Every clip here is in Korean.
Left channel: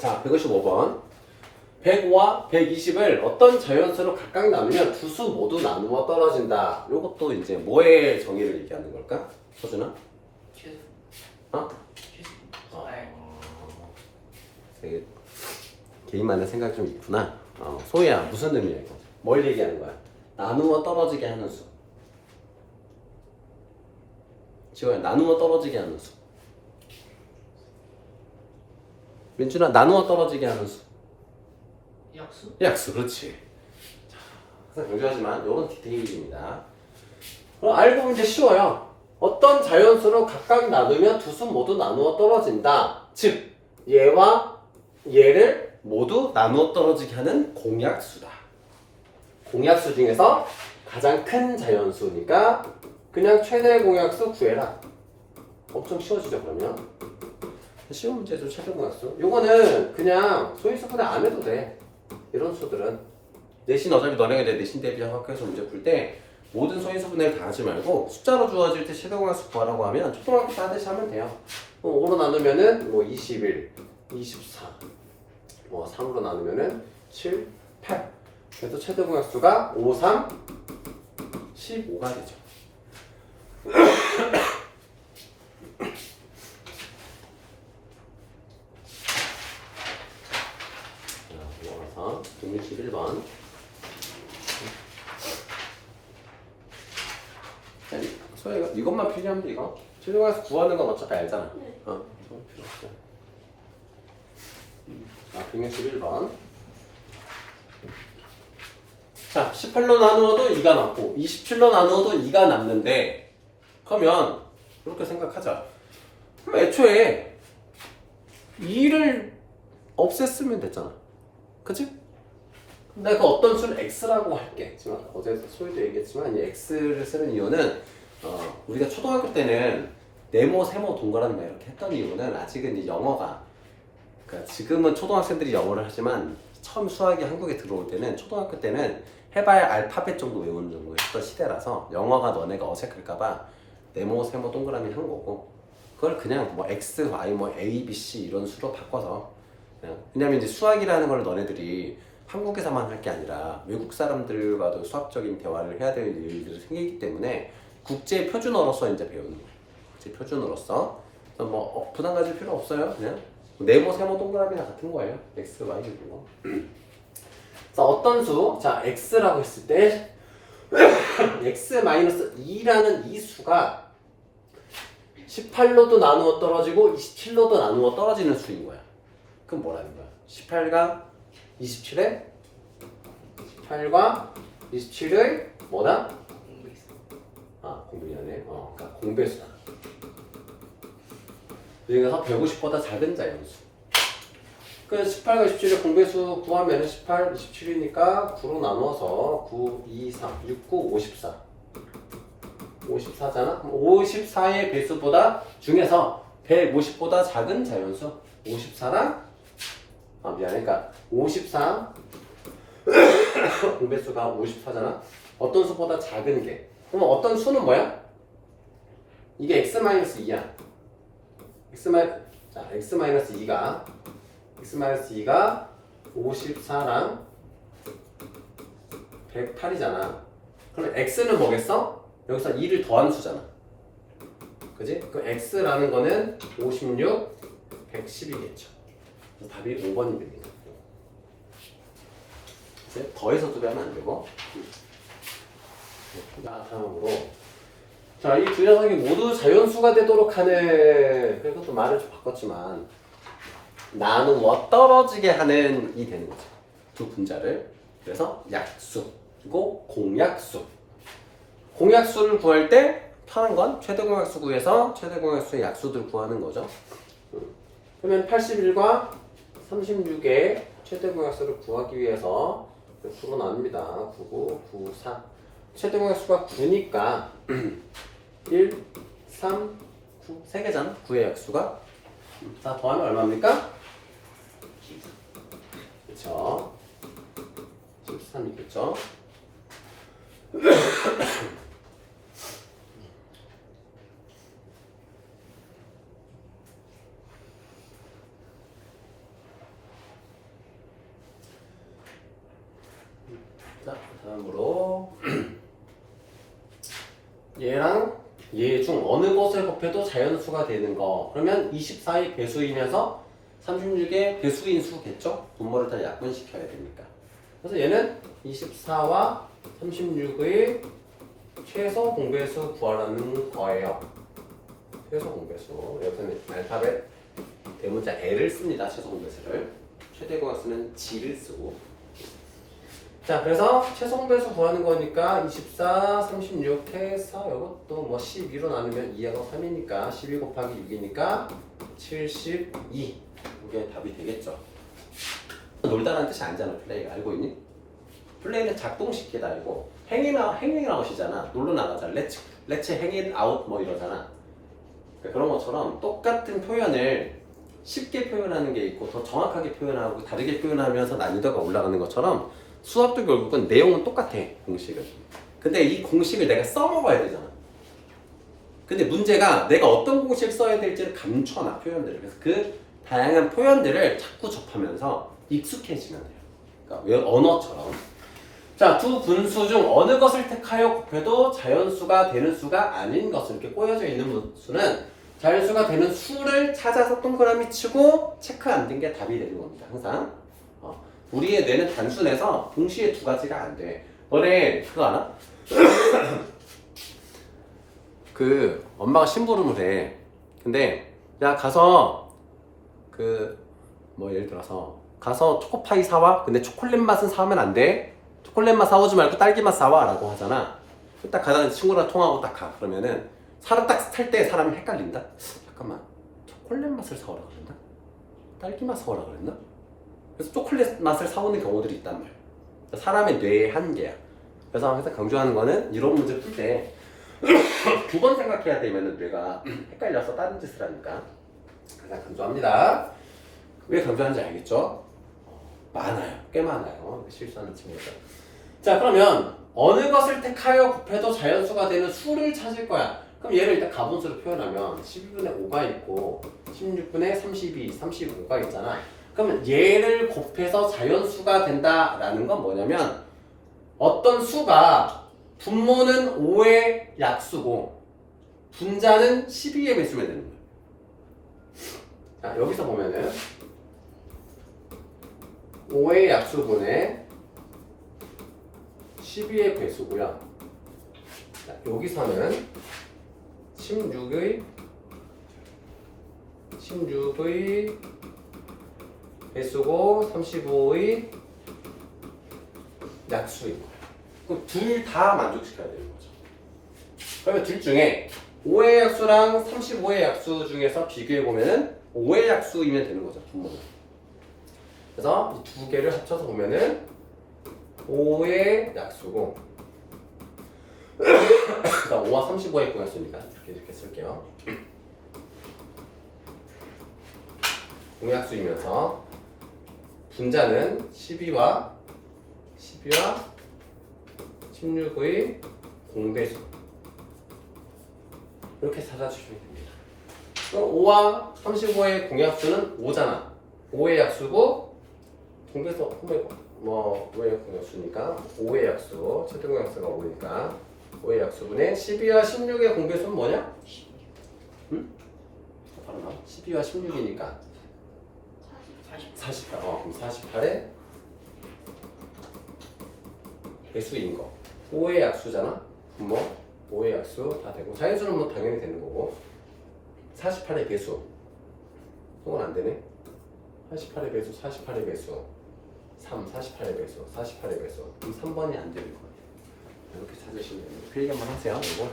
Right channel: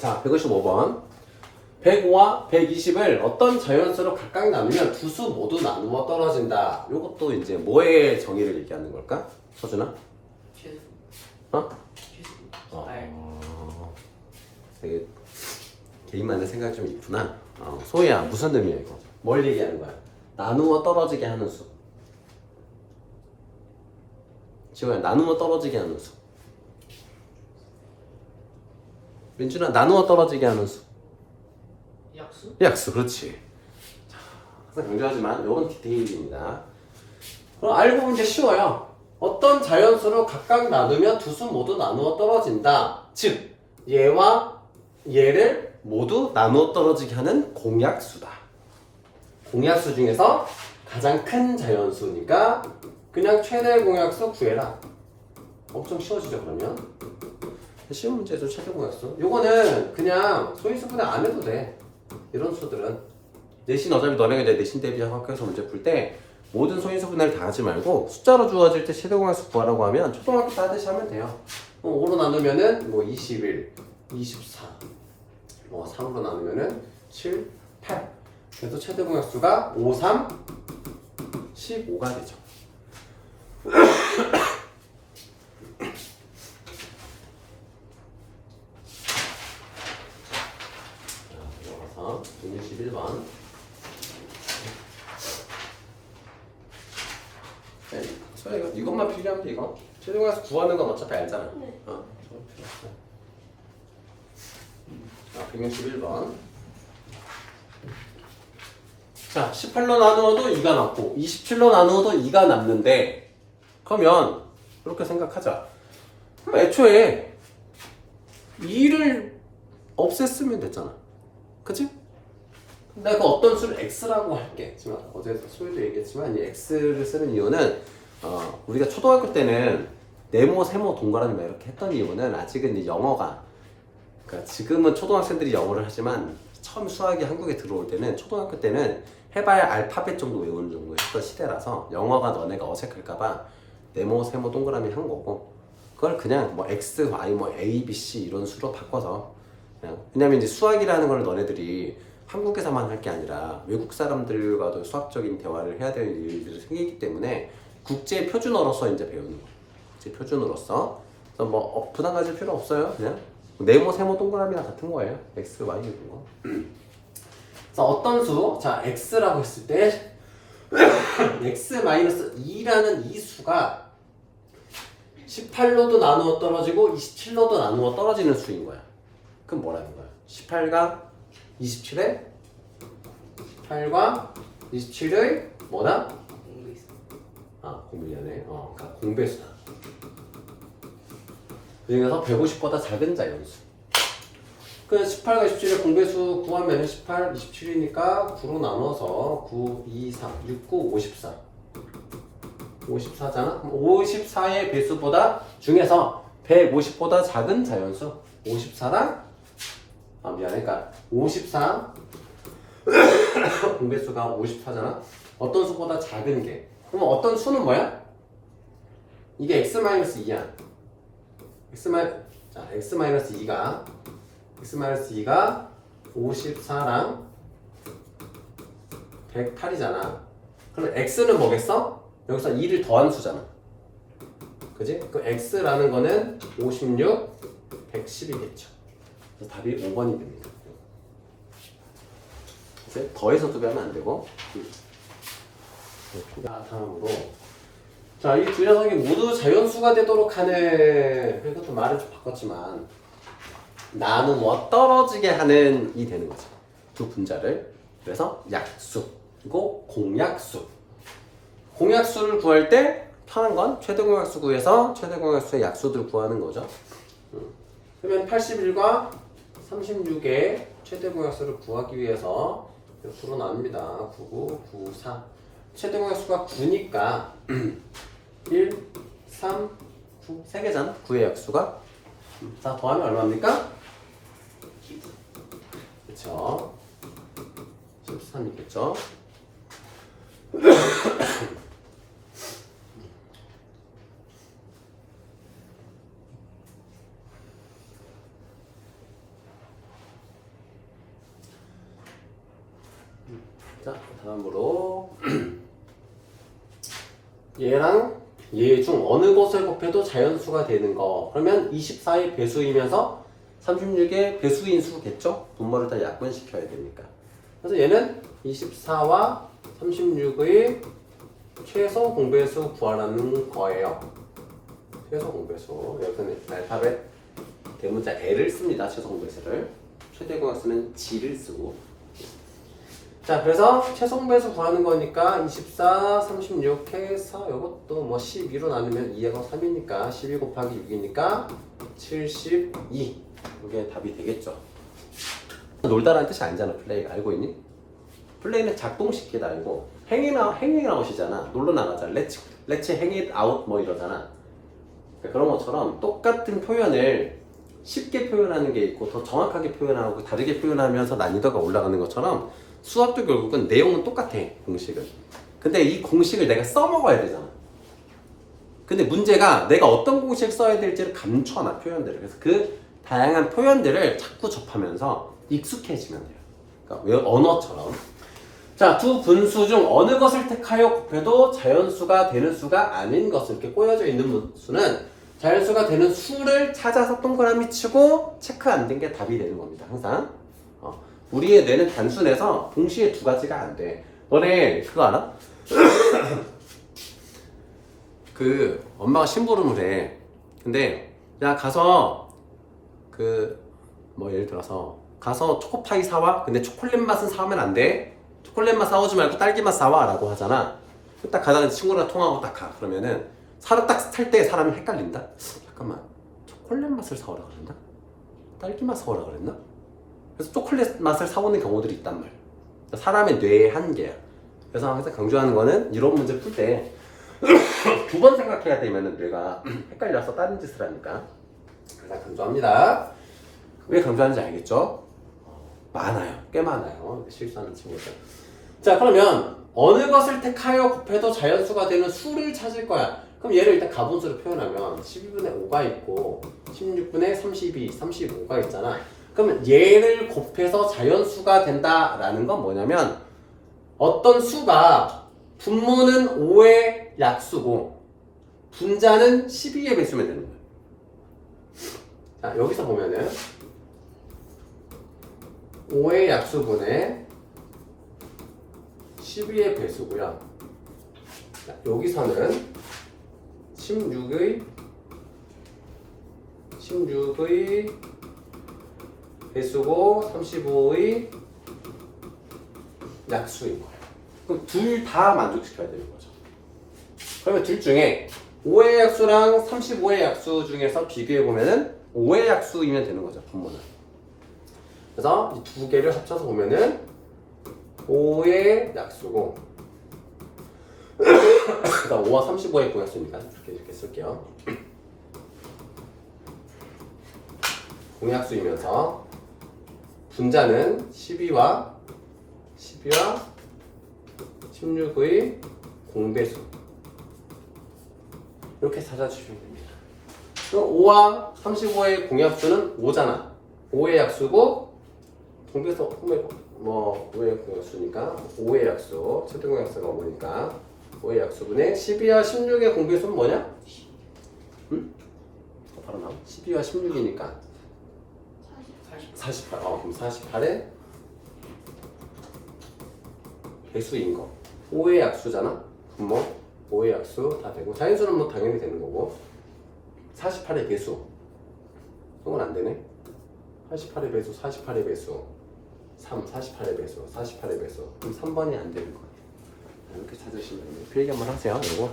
자, 155번. 105와 120을 어떤 자연수로 각각 나누면 두 수 모두 나누어 떨어진다. 요것도 이제 뭐의 정의를 얘기하는 걸까? 서준아? 최소. 어? 최소. 되게 개인만의 생각이 좀 있구나. 소희야, 무슨 의미야 이거? 뭘 얘기하는 거야? 나누어 떨어지게 하는 수. 지호야, 나누어 떨어지게 하는 수. 민준아, 나누어 떨어지게 하는 수. 약수? 약수, 그렇지. 자, 항상 강조하지만 이런 디테일입니다. 그럼 알고 보면 이제 쉬워요. 어떤 자연수로 각각 나누면 두 수 모두 나누어 떨어진다. 즉, 얘와 얘를 모두 나누어 떨어지게 하는 공약수다. 공약수 중에서 가장 큰 자연수니까 그냥 최대 공약수 구해라. 엄청 쉬워지죠, 그러면. 쉬운 문제도 최대 공약수. 요거는 그냥 소인수분해 안 해도 돼. 이런 수들은. 내신 어차피 너네가 이제 내신 대비 학교에서 문제 풀 때 모든 소인수분해를 다 하지 말고 숫자로 주어질 때 최대 공약수 구하라고 하면 초등학교 때 하듯이 하면 돼요. 5로 나누면은 뭐 21, 24, 뭐 3으로 나누면은 7, 8. 그래서 최대 공약수가 5, 3, 15가 되죠. 넘어가서 161번. 소희가 이것만 필요하면 돼, 이거. 최대 공약수 구하는 건 어차피 알잖아. 네. 자, 161번. 자, 18로 나누어도 2가 남고 27로 나누어도 2가 남는데 그러면 이렇게 생각하자. 그럼 애초에 2를 없앴으면 됐잖아. 그치? 내가 그 어떤 수를 x라고 할게. 지금 어제 소희도 얘기했지만 이 x를 쓰는 이유는 우리가 초등학교 때는 네모, 세모, 동그라미 막 이렇게 했던 이유는 아직은 이 영어가, 그러니까 지금은 초등학생들이 영어를 하지만 처음 수학이 한국에 들어올 때는 초등학교 때는 해봐야 알파벳 정도 외우는 정도 했던 시대라서 영어가 너네가 어색할까봐 네모, 세모, 동그라미 한 거고, 그걸 그냥 뭐 x, y, 뭐 a, b, c 이런 수로 바꿔서 그냥, 왜냐면 이제 수학이라는 걸 너네들이 한국에서만 할 게 아니라 외국 사람들과도 수학적인 대화를 해야 될 일들이 생기기 때문에 국제 표준어로서 이제 배우는 거예요. 국제 표준어로서. 뭐 부담 가질 필요 없어요. 그냥 네모, 세모, 동그라미랑 같은 거예요. x, y 이런 거. 자, 어떤 수? 자, x라고 했을 때 x-2라는 이 수가 18로도 나누어 떨어지고 27로도 나누어 떨어지는 수인 거야. 그럼 뭐라는 거야? 18과 27에 18과 27의 뭐다? 공부했어. 공배하네. 그러니까 공배수다. 그래서 150보다 작은 자연수. 그 18과 27의 공배수 구하면 18, 27이니까 9로 나눠서 9, 2, 3, 6, 9, 54. 54잖아? 54의 배수보다 중에서 150보다 작은 자연수 54랑 미안해. 그러니까 54 공배수가 54잖아? 어떤 수보다 작은 게. 그럼 어떤 수는 뭐야? 이게 x-2야. x-2가 x-2가 54랑 108이잖아. 그럼 x는 뭐겠어? 여기서 2를 더한 수잖아. 그지? 그 x라는 거는 56, 110이겠죠. 답이 5번이 됩니다. 이제 더해서 두면 안 되고. 자, 다음으로. 자, 이 두 녀석이 모두 자연수가 되도록 하는, 그래서 또 말을 좀 바꿨지만, 나누어 떨어지게 하는 이 되는 거지. 두 분자를. 그래서 약수, 그리고 공약수. 공약수를 구할 때 편한 건 최대 공약수 구해서 최대 공약수의 약수들 구하는 거죠. 그러면 81과 36의 최대 공약수를 구하기 위해서 9로 나눕니다. 99, 94. 최대 공약수가 9니까 1, 3, 9. 3개잖아. 9의 약수가. 자, 더하면 얼마입니까? 그쵸. 13 있겠죠. 자, 다음으로 얘랑 얘 중 어느 것을 곱해도 자연수가 되는 거. 그러면 24의 배수이면서 36의 배수인 수겠죠? 분모를 다 약분시켜야 되니까. 그래서 얘는 24와 36의 최소 공배수 구하라는 거예요. 최소 공배수. 여기서는 알파벳 대문자 L을 씁니다. 최소 공배수를. 최대 공배수는 G를 쓰고. 자, 그래서 최소 공배수 구하는 거니까 24, 36 해서 이것도 뭐 12로 나누면 2하고 3이니까 12 곱하기 6이니까 72. 이게 답이 되겠죠. 놀다라는 뜻이 아니잖아. 플레이가 알고 있니? 플레이는 작동시키다 이거. 행잉아웃이잖아. 놀러 나가잖아. 렛츠 행잇아웃 뭐 이러잖아. 그러니까 그런 것처럼 똑같은 표현을 쉽게 표현하는 게 있고 더 정확하게 표현하고 다르게 표현하면서 난이도가 올라가는 것처럼 수학도 결국은 내용은 똑같아. 공식은. 근데 이 공식을 내가 써먹어야 되잖아. 근데 문제가 내가 어떤 공식을 써야 될지를 감춰놔. 표현들을. 그래서 그 다양한 표현들을 자꾸 접하면서 익숙해지면 돼요. 그러니까 왜 언어처럼. 자, 두 분수 중 어느 것을 택하여 곱해도 자연수가 되는 수가 아닌 것을 이렇게 꼬여져 있는 수는 자연수가 되는 수를 찾아서 동그라미 치고 체크 안 된 게 답이 되는 겁니다. 항상. 우리의 뇌는 단순해서 동시에 두 가지가 안 돼. 너네 그거 알아? 그 엄마가 심부름을 해. 근데 야 가서 뭐 예를 들어서 가서 초코파이 사와. 근데 초콜릿 맛은 사오면 안 돼. 초콜릿 맛 사오지 말고 딸기 맛 사와 라고 하잖아. 딱 가다가 친구랑 통화하고 딱 가. 그러면은 사람 딱 탈 때 사람이 헷갈린다. 잠깐만, 초콜릿 맛을 사오라 그랬나? 딸기 맛 사오라 그랬나? 그래서 초콜릿 맛을 사오는 경우들이 있단 말이야. 사람의 뇌의 한계야. 그래서 항상 강조하는 거는 이런 문제 풀 때 두 번 생각해야 되면은 뇌가 헷갈려서 다른 짓을 하니까 항상 강조합니다. 왜 강조하는지 알겠죠? 많아요. 꽤 많아요. 실수하는 친구들. 자, 그러면 어느 것을 택하여 곱해도 자연수가 되는 수를 찾을 거야. 그럼 얘를 일단 가분수로 표현하면 12분의 5가 있고 16분의 32, 35가 있잖아. 그럼 얘를 곱해서 자연수가 된다라는 건 뭐냐면 어떤 수가 분모는 5의 약수고 분자는 12의 배수면 되는 거야. 자, 여기서 보면은 5의 약수분의 12의 배수고요. 자, 여기서는 16의 배수고 35의 약수인 거예요. 그럼 둘 다 만족시켜야 되는 거죠. 그러면 둘 중에 5의 약수랑 35의 약수 중에서 비교해 보면은 5의 약수이면 되는 거죠. 분모는. 그래서 이 두 개를 합쳐서 보면은 5의 약수고 그러니까 5와 35의 공약수니까 이렇게 쓸게요. 공약수이면서 분자는 12와 16의 공배수 이렇게 찾아주시면 됩니다. 그럼 5와 35의 공약수는 5잖아. 5의 약수고 공배수 뭐 5의 공약수니까 5의 약수 최대 공약수가 5니까 5의 약수분의 12와 16의 공배수는 뭐냐? 응? 바로 나와. 12와 16이니까 48. 그럼 48의 배수인 거. 5의 약수잖아. 분모 5의 약수 다 되고 자연수는 뭐 당연히 되는 거고 48의 배수. 이건 안 되네. 48의 배수, 48의 배수, 48의 배수, 48의 배수. 그럼 3번이 안 되는 거예요. 이렇게 찾으시면 됩니다. 그 얘기 한번 하세요. 이거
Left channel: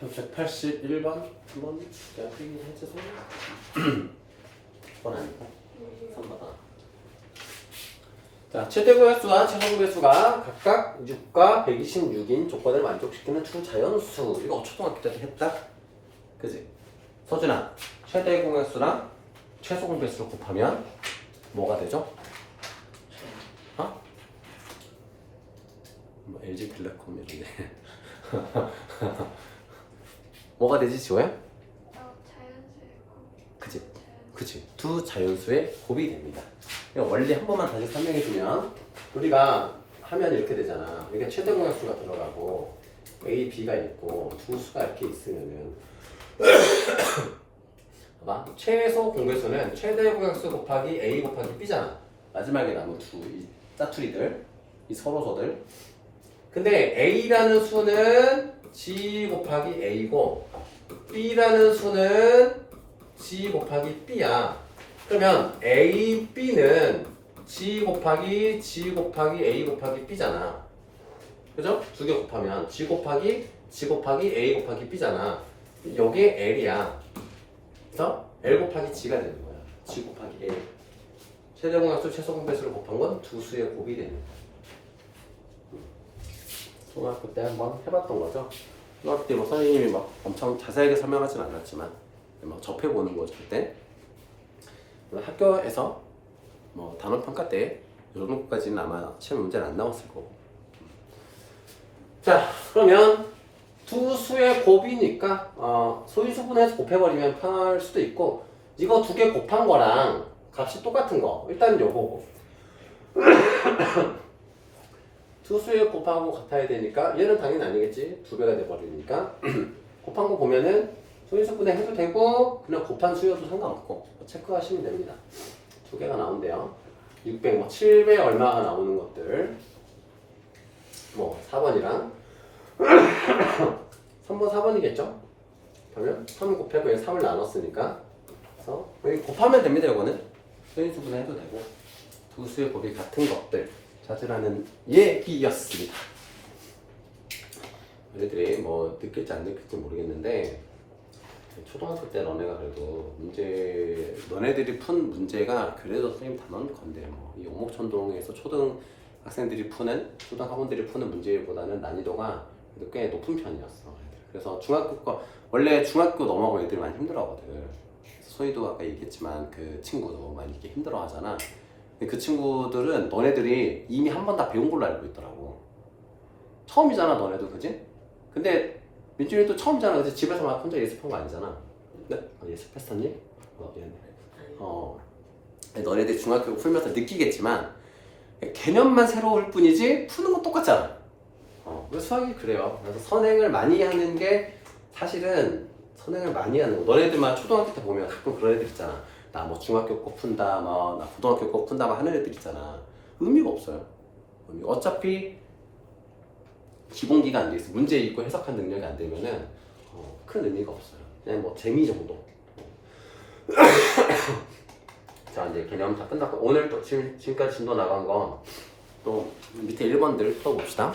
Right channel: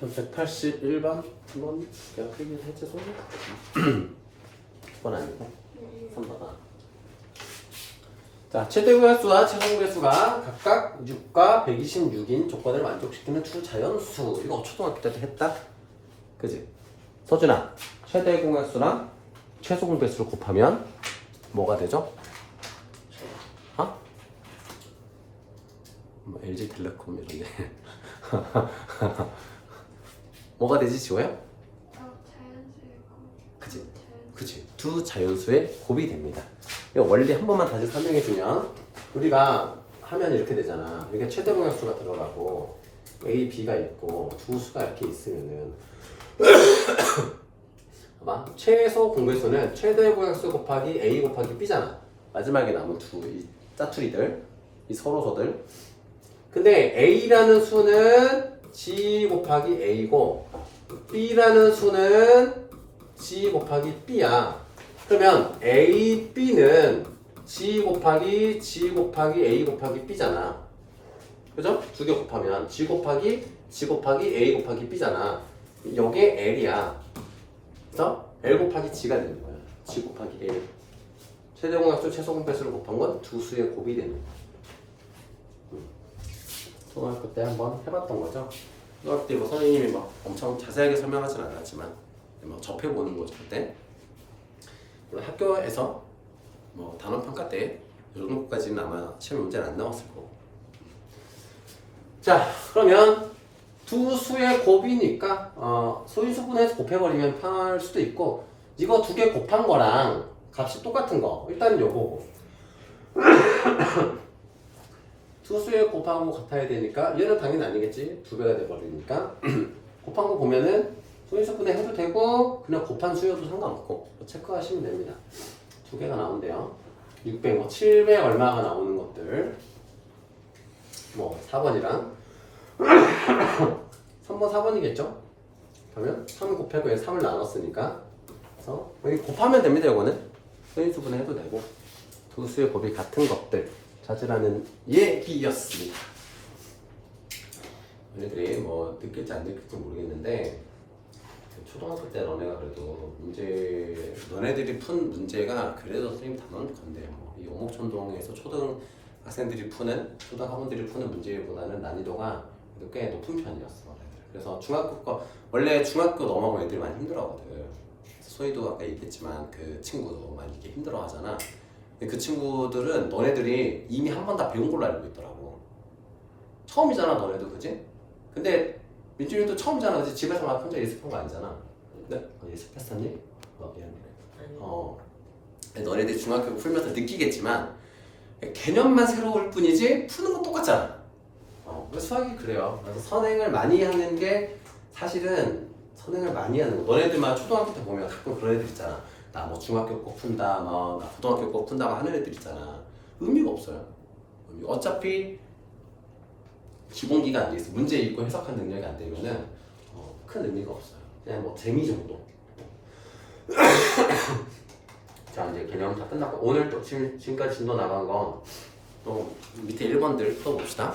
181번 한번 내가 필기를 해줘서 2번 아니고 3번. 자, 최대 공약수와 최소 공약수가 각각 6과 126인 조건을 만족시키는 초자연수. 이거 초등학교 때도 했다. 그지? 서준아, 최대 공약수랑 최소 공배수를 곱하면 뭐가 되죠? 뭐 LG텔레콤 이런데 뭐가 되지 지호야? 그치? 그치? 두 자연수의 곱이 됩니다. 이거 원리 한 번만 다시 설명해 주면 우리가 하면 이렇게 되잖아. 이게 최대 공약수가 들어가고 A, B가 있고 두 수가 이렇게 있으면은 봐봐. 최소 공배수는 최대 공약수 곱하기 A 곱하기 B잖아. 마지막에 남은 이 짜투리들, 이 서로서들. 근데 A라는 수는 G 곱하기 A고 B라는 수는 G 곱하기 B야. 그러면 A, B는 G 곱하기 A 곱하기 B잖아. 그죠? 두 개 곱하면 G 곱하기 A 곱하기 B잖아. 요게 L이야. 그래서 L 곱하기 G가 되는 거야. G 곱하기 L. 최대 공약수, 최소 공배수를 곱한 건 두 수의 곱이 되는 거야. 초등학교 때 한번 해봤던 거죠. 초등학교 때 뭐 선생님이 막 엄청 자세하게 설명하진 않았지만 막 접해보는 거죠 그때. 학교에서 뭐 단원 평가 때 이 정도까지는 아마 시험 문제는 안 나왔을 거고. 자, 그러면 두 수의 곱이니까 소인수분해서 곱해버리면 편할 수도 있고, 이거 두 개 곱한 거랑 값이 똑같은 거 일단 요거고 두 수의 곱하고 같아야 되니까 얘는 당연히 아니겠지. 두 배가 돼버리니까 곱한 거 보면은 소인수분해 해도 되고 그냥 곱한 수여도 상관없고 체크하시면 됩니다. 두 개가 나온대요. 600, 뭐 700 얼마가 나오는 것들 뭐 4번이랑 3번 4번이겠죠? 그러면 3 곱하고 3을 나눴으니까 그래서 여기 곱하면 됩니다. 이거는 소인수분해 해도 되고 두 수의 곱이 같은 것들 찾으라는 얘기였습니다. 너희들이 뭐 느낄지 안 느낄지 모르겠는데 초등학교 때 너네가 그래도 너네들이 푼 문제가 그래도 선생님 다 넣은 건데 이 오목천동에서 초등학생들이 푸는 초등학원들이 푸는 문제보다는 난이도가 꽤 높은 편이었어. 그래서 중학교 거 원래 중학교 넘어가고 애들이 많이 힘들어하거든. 소희도 아까 얘기했지만 그 친구도 많이 이렇게 힘들어하잖아. 그 친구들은 너네들이 이미 한 번 다 배운 걸로 알고 있더라고. 처음이잖아 너네도, 그지? 근데 민준이도 처음이잖아. 그치? 집에서 막 혼자 예습한 거 아니잖아. 네? 예습했었니? 너네들 중학교 풀면서 느끼겠지만 개념만 새로울 뿐이지 푸는 건 똑같잖아. 수학이 그래요. 그래서 선행을 많이 하는 게 사실은 선행을 많이 하는 거. 너네들만 초등학교 때 보면 가끔 그런 애들 있잖아. 나 뭐 중학교 거 푼다, 뭐 나 고등학교 거 푼다, 막 하는 애들 있잖아. 의미가 없어요. 어차피 기본기가 안 돼 있어. 문제 읽고 해석한 능력이 안 되면은 큰 의미가 없어요. 그냥 뭐 재미 정도. 자, 이제 개념 다 끝났고 오늘 또 지금까지 진도 나간 건 또 밑에 1번들 풀어봅시다.